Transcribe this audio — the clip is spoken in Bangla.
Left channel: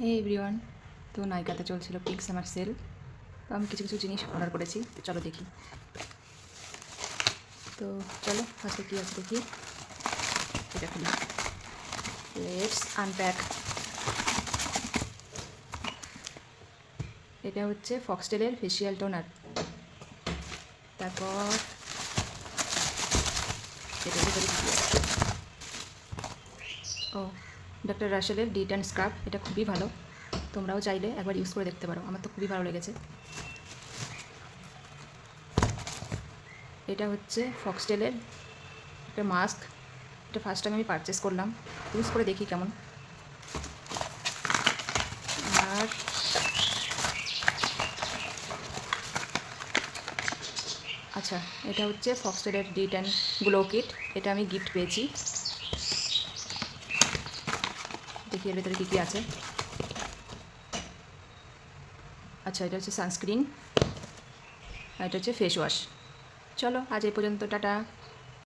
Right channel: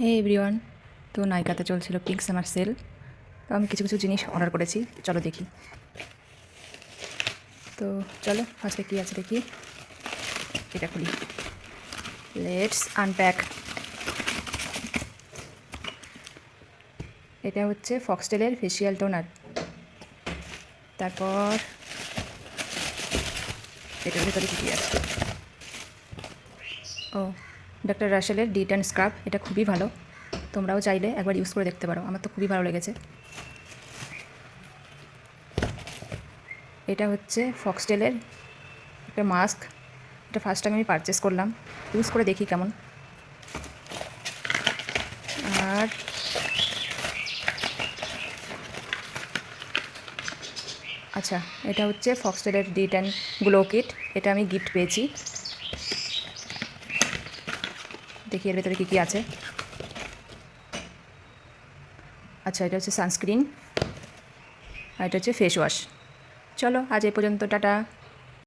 হে এভরিওয়ান, তো নাইকাতে চলছিল পিঙ্ক সামার সেল। তো আমি কিছু কিছু জিনিস অর্ডার করেছি, তো চলো দেখি। তো চলো ফার্স্টে কী আছে দেখি, এটা খুলি। Let's unpack. এটা হচ্ছে ফক্সটেলের ফেসিয়াল টোনার। তারপর এটার ভিতরে কী কী আছে, ও ডক্টর রাসেলের ডিট স্ক্রাব। এটা খুবই ভালো, তোমরাও চাইলে একবার ইউজ করে দেখতে পারো, আমার তো খুবই ভালো লেগেছে। এটা হচ্ছে ফক্সটেলের একটা মাস্ক, এটা ফার্স্ট টাইম আমি পারচেস করলাম, ইউজ করে দেখি কেমন। আর আচ্ছা, এটা হচ্ছে ফক্সটেলের ডিট অ্যান্ড গ্লো কিট, এটা আমি গিফট পেয়েছি। দেখি এর ভেতরে কী কী আছে। আচ্ছা, এটা হচ্ছে সানস্ক্রিন, আর এটা হচ্ছে ফেস ওয়াশ। চলো আজ এই পর্যন্ত, টাটা।